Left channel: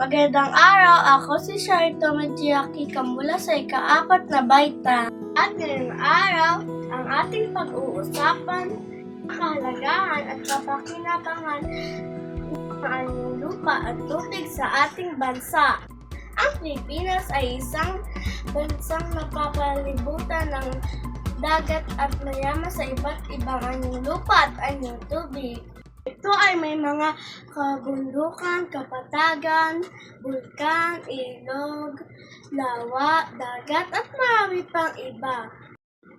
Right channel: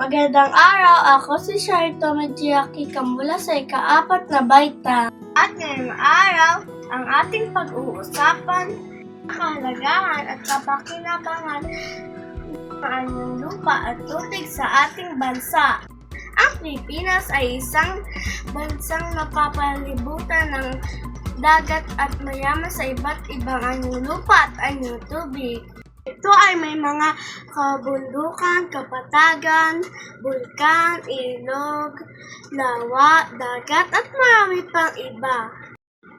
Magandang araw, ako si Sharito Medjiaki mula sa ika-4 na baita. At ngayong araw, ang ating pag-uusapan, kahalagahan at kapakinabangan ng lupa at tubig sa ating bansa. Ang Pilipinas ay isang bansang napapalibutan ng dagat at mayaman sa iba't ibang anyong lupa at anyong tubig. Ito ay may mga kabundukan, kapatagan, bulkan, ilog, lawa, dagat at marami pang iba.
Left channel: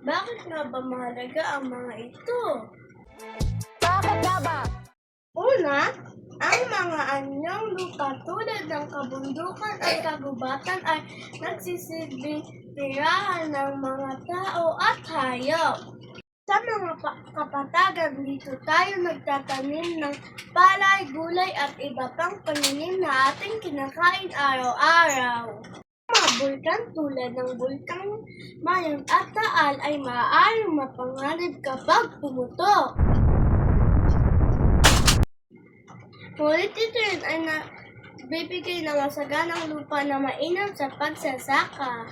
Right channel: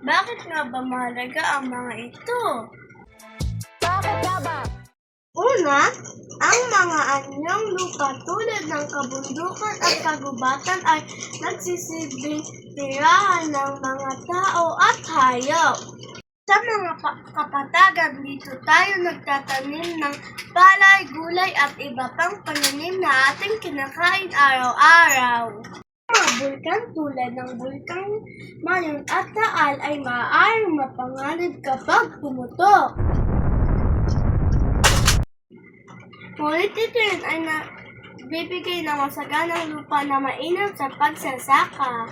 Bakit nga ba mahalaga ang mga ito? Bakit nga ba? Una, ang mga anyong lupa tulad ng kabundukan at kagubatan ay nagsisilbing tirahan ng mga tao at hayop. Sa mga kapatagan, dito tayo nagtatanim ng palay, gulay at iba pang pananim na ating kinakain araw-araw. Mga bulkan tulad ng bulkang Mayon at Taal ay maaaring mapanganib kapag pumutok. Ngunit ito rin ay bibigay ng masaganang lupa na mainam sa pagsasaka.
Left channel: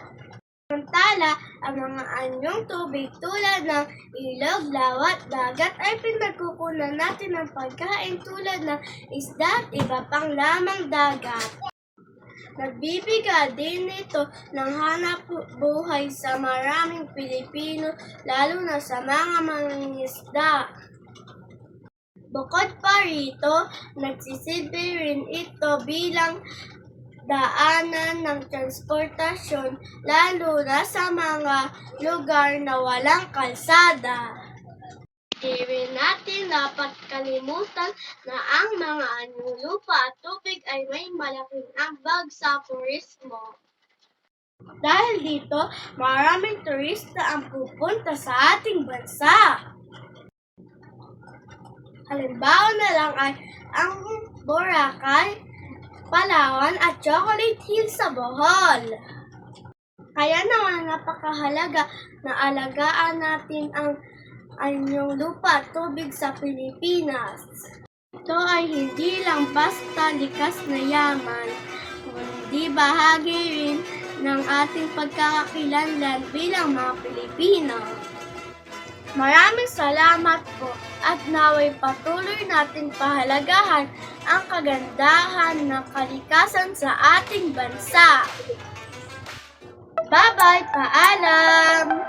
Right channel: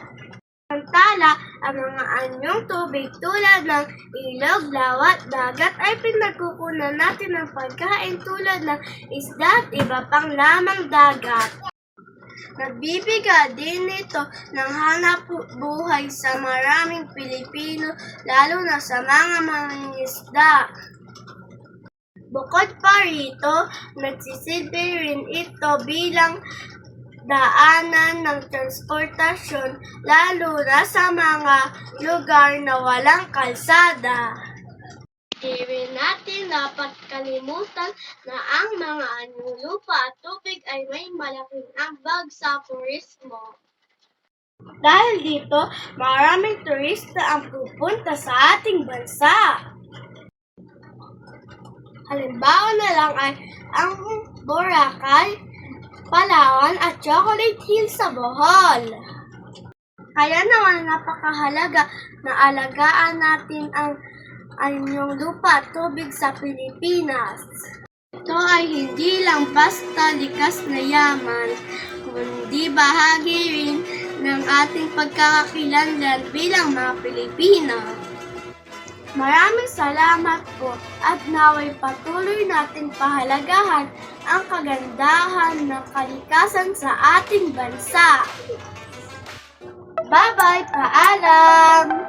Samantala, ang mga anyong tubig tulad ng ilog, lawa at dagat ay pinagkukunan natin ng pagkain tulad ng isda at iba pang lamang dagat. Nagbibigay din ito ng hanap buhay sa maraming Pilipino, lalo na sa mga mangingisda. Bukod pa rito, nagsisilbi rin ito bilang daanan ng transportasyon, lalo na sa mga lugar na walang kalsada. Di rin natin dapat kalimutan na ang mga anyong lupa at tubig ay may malaking ambag sa turismo. Dahil dito, maraming turista ang pupunta sa ating bansa. Halimbawa na lang ay ang Boracay, Palawan at Chocolate Hills sa Bohol. Kaya naman napakahalaga na alagaan natin ang anyong lupa at tubig sa Pilipinas. Ito ay hindi lang basta likas na yaman, kundi bahagi rin ng ating pagkakakilanlan bilang mga Pilipino. Maraming salamat po at naway patuloy natin pahalagahan ang kagandahan ng kalikasan sa ating bansa. Bye-bye! Paalam!